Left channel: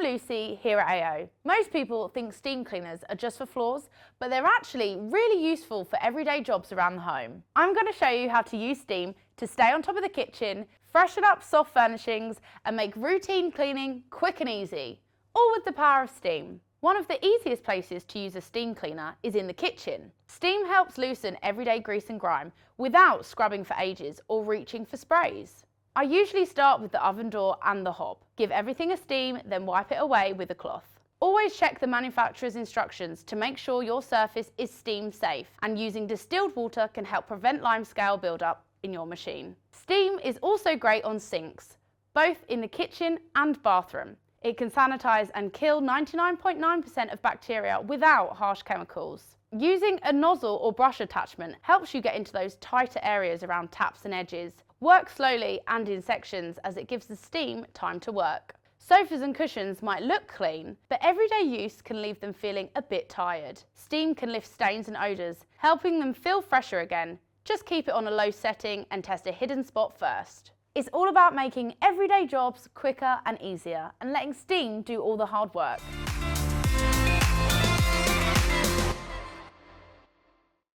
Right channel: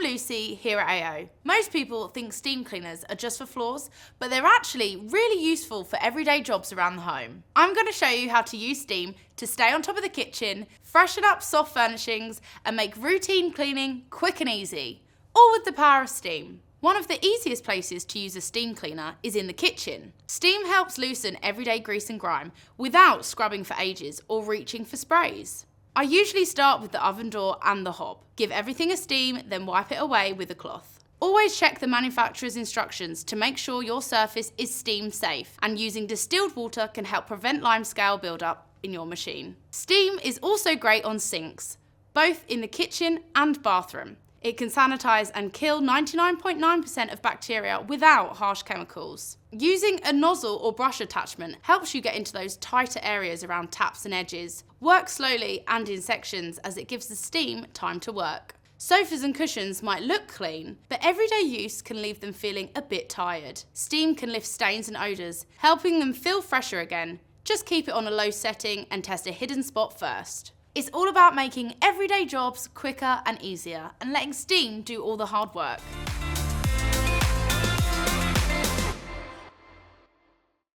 I'm Lucy here at AO. Most people think steam cleaners are just for floors, but they're actually really useful for everyday jobs around the home. I'm going to show you how to use steam to stay on top of the kitchen, freshen up soft furnishings, and make routine cleaning quick and easy, all with the power of steam. One of the easiest places to use a steam cleaner is in the kitchen. Steam helps loosen everyday grease and grime without scrubbing for ages or reaching for sprays. I usually start with the oven door and the hob. Give everything a steam, then wipe it away with a cloth. Always check the manufacturer's instructions to make sure your surface is steam safe, and using distilled water can help prevent limescale buildup in your machine. Steam is also great on sinks, both in the kitchen and bathroom. It can sanitize and kill 99.9% of bacteria without harsh chemicals. Using a nozzle or brush attachment helps you get into those tighter areas around taps and edges. Work slowly and in sections as it gives the steam time to work. Sofas and cushions might look clean, but everyday use can leave them feeling a bit tired. Steam can lift stains and odours, helping them feel fresher again. Just keep it on a low setting and test a hidden spot first. It's all about making everyday jobs quicker and easier and letting steam do all the hard work.